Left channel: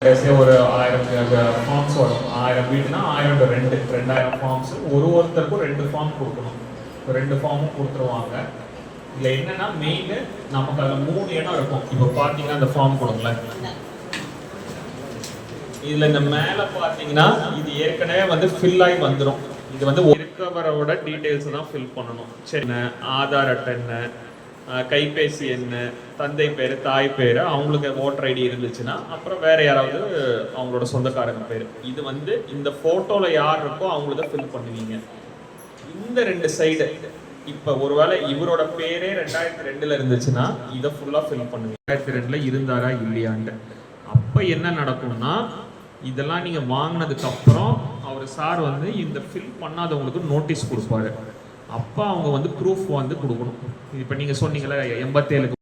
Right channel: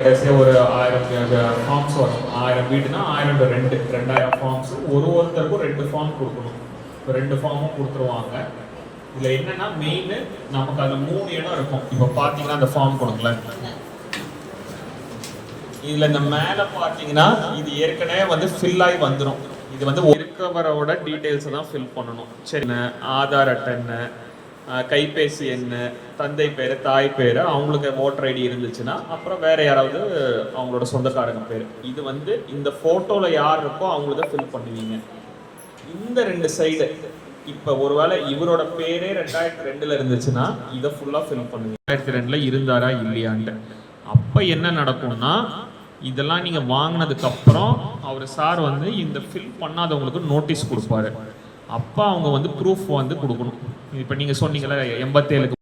கடைசியாக ஒரு 1000 ஃபார்ம்ஸ் வரும். 1000 வீடுனா 1000 ரெண்டு 2000 ஃபார்ம்ஸ். ஒருத்தருக்கும் 2 ஃபார்ம் கொடுக்கணும். 2 ஃபார்மும் கொடுத்துருவாங்க. இதில் என்னன்னா மெயின் நமக்கு அதில் 3 இடம் இருக்கும். இப்போ பார்த்தீங்கன்னா அந்த ஃபார்ம் கொடுங்களேன். இதில் இந்த மேலே பார்த்தீங்கன்னா இது ஏற்கனவே வந்து ஃபில் ஆகி வந்துடும். இது வந்து இருக்கவரோட டீட்டெயில்ஸை தான் ஃபில் பண்ணணும். சரி, ஆதார் அட்டை, கைபேசி எண், தந்தை பேர், தாய் பேர், அவங்களுக்கு ஓட்டர் ஐடி இருந்துச்சுன்னா அப்புறம் வேறு யாராவது அவங்களோட சொந்தக்காரங்க பேர். இது வந்து இந்த ஃபோட்டோவில் யார் இருக்கோ அவங்களுக்கு ஃபில் பண்ணுவீங்க. இந்த 2 சைடு இப்போ ஒருவேளை இவரோட பேரே 2002 இருந்துச்சுன்னா இதை ஃபுல்லாக ஃபில் பண்ணுவீங்க. 2002 இருந்தாரா இல்லையான்ட்டு. அப்போ என்ன நடக்கும்னா இதெல்லாம் நீங்கள் வாங்கினதுக்கப்புறம் அவர் சார் வந்து இந்த ஃபில் பண்ணாதவங்களுக்கு நோட்டீஸ் கொடுப்பாரு. அப்போ அவங்க வந்து ப்ரூஃப் வந்து கொடுக்கணும். இப்போ நீங்கள் சொன்னீங்களே 87